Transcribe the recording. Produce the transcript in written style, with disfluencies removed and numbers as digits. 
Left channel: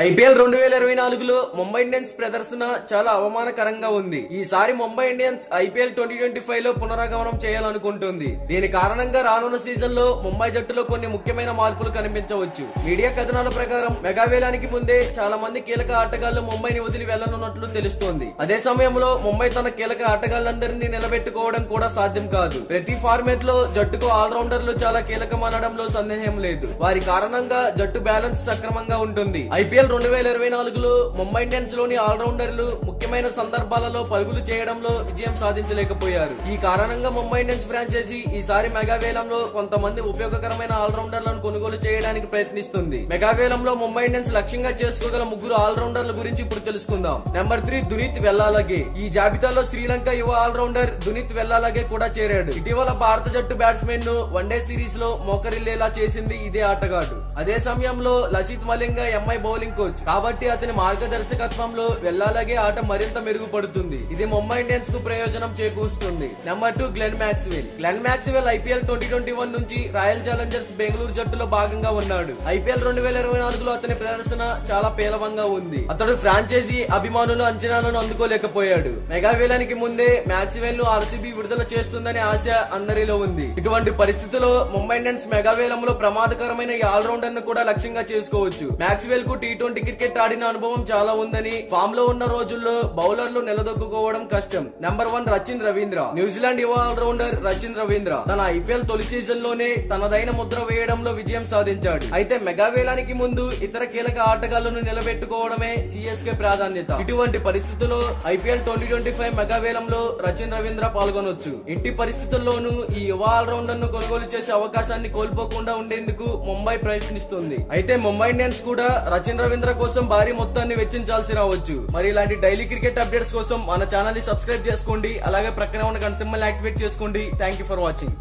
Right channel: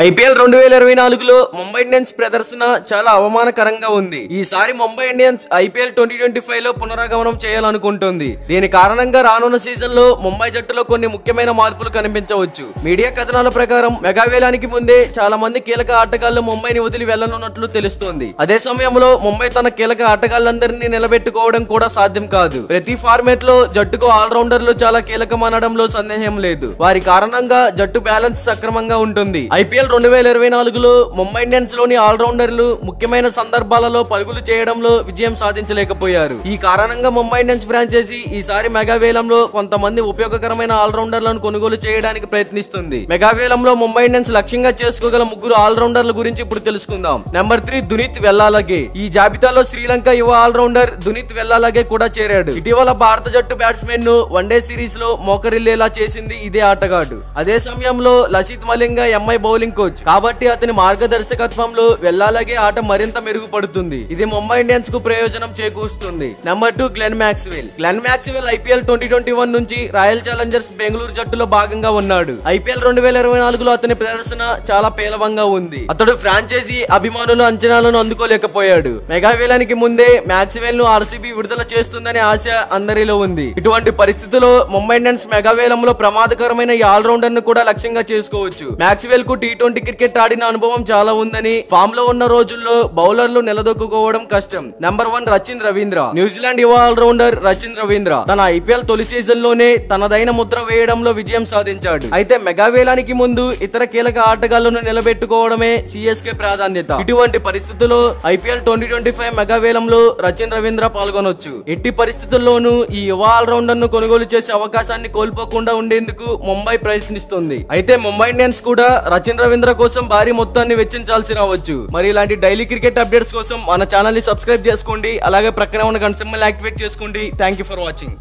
IPL 2024లో Mumbai Indians ప్రదర్శన చాలా అవమానకరంగా ఉంది. ఈసారి ముంబై ఇండియన్స్ ఐపీఎల్ 2025లో పునరాగమనం చేయాలనుకుంటుంది. దీని కారణంగా రానున్న సీజన్ లో ముంబై జట్టులో కొన్ని ముఖ్యమైన మార్పులు కనిపించవచ్చు. మీడియా కథనాల ప్రకారం మెగావేలానికి ముందే చాలా మంది కీలక ఆటగాళ్లు ముంబైని వదిలి వెళ్లనున్నట్లు తెలుస్తోంది. అదే సమయంలో ముంబై తన కీలక ఆటగాళ్లందరినీ నిలబెట్టుకోవడం కూడా సాధ్యం కాదు. ప్రతి ఫార్మేట్ లో జట్టుకు ఆల్రౌండర్లు చాలా కీలకమనడంలో సందేహం లేదు. వారి కారణంగా జట్టు బ్యాలెన్స్ సక్రమంగా ఉంటుంది. ఐపీఎల్ 2024లో ముంబై ఇండియన్స్ లోని ఆల్రౌండర్లు ముఖ్యమైన సందర్భాలలో పరుగులు చేయడంలో విజయం సాధించలేకపోయారు. ఈ కారణంగా ముంబై ఇండియన్స్ ఫ్రాంచైజీ ఈసారి మెగావేలంలో కొంతమంది ఉపయోగకరమైన ఆల్రౌండర్లను కొనుగోలు చేయడానికి ప్రయత్నిస్తుంది. మెగావేలంలో ముంబై ఇండియన్స్ లక్ష్యంగా చేసుకోగల ముగ్గురు ఆల్రౌండర్ల గురించి ఇప్పుడు తెలుసుకుందాం. నెంబర్ 3 దునీత్ వెల్లాలగే. ఈ జాబితాలో శ్రీలంక యువ ఆల్రౌండర్ దునీత్ వెల్లాలగే కూడా చేరాడు. ఇటీవల భారత జట్టు బ్యాట్స్మెన్ ను వన్డే సిరీస్ లో మోకరిల్లేలా చేసింది ఇదే ఆటగాడు. అదే సమయంలో Lasith Malinga MI bowling coach కాబట్టి అతని మార్గదర్శకత్వంలో వెల్లాలగే ఆట మరింత మెరుగుపడుతుంది. ఇది ముంబై ఇండియన్స్ కు ప్రయోజనం చేకూరుస్తుంది. Number 2 Glenn Maxwell. Glenn Maxwell IPL 2021 నుంచి రాయల్ ఛాలెంజర్స్ బెంగళూరు జట్టులో భాగంగా ఉన్నాడు. ఐపీఎల్ 2024లో అతని ప్రదర్శన చాలా పేలవంగా ఉంది. అతడు ఫ్రాంచైజీ అభిమానుల అంచనాలను అందుకోలేకపోయాడు. మెగావేలానికి ముందే మ్యాక్స్వెల్ ను ఆర్సీబీ విడుదల చేస్తుందనే ఆశ అందరిలో ఉంది. ఇటువంటి పరిస్థితుల్లో ముంబై ఇండియన్స్ మెగావేలంలో ప్రమాదకరమైన ఈ ఆల్రౌండర్ ను కూడా లక్ష్యంగా చేసుకోవచ్చు. మ్యాక్స్వెల్ కు టీ20 క్రికెట్ ఆడిన అనుభవం చాలా ఉందని, ఫామ్ లో ఉన్న రోజుల్లో బౌలర్లు నిలదొక్కుకోవడం కష్టం. నెంబర్ 1 రచిన్ రవీంద్ర. న్యూజిలాండ్ యువ ఆల్రౌండర్ రచిన్ రవీంద్ర తన ఐపీఎల్ తొలి సీజన్ లోనే తనదైన ముద్ర వేయడంలో విజయం సాధించాడు. అయితే మెగావేలానికి ముందు ఇతర కీలక ఆటగాళ్లను నిలబెట్టుకోవడమే సిఎస్కే ప్రాధాన్యత. ఇటువంటి పరిస్థితుల్లో ఐపీఎల్ 2025 మెగావేలంలో రచిన్ రవీంద్ర పాల్గొనొచ్చు. ఎట్టి పరిస్థితుల్లోనూ ఈ యువ ఆల్రౌండర్ ను కొనుగోలు చేసే అవకాశాన్ని కోల్పోకుండా ఉండేందుకు ముంబై ప్రయత్నిస్తుంది. అయితే ముంబై ఇండియన్స్ కూడా రచిన్ రవీంద్ర కోసం భారీ మొత్తాన్ని వెచ్చించాల్సి రావచ్చు. మరి ఇలాంటి డైలీ క్రికెట్ అప్డేట్స్ కోసం మన ఛానల్ ని సబ్స్క్రైబ్ చేసుకోండి. అలాగే ప్రక్కన ఉన్న గంట సింబల్ యాక్టివేట్ చేసుకోండి. Thank you for watching.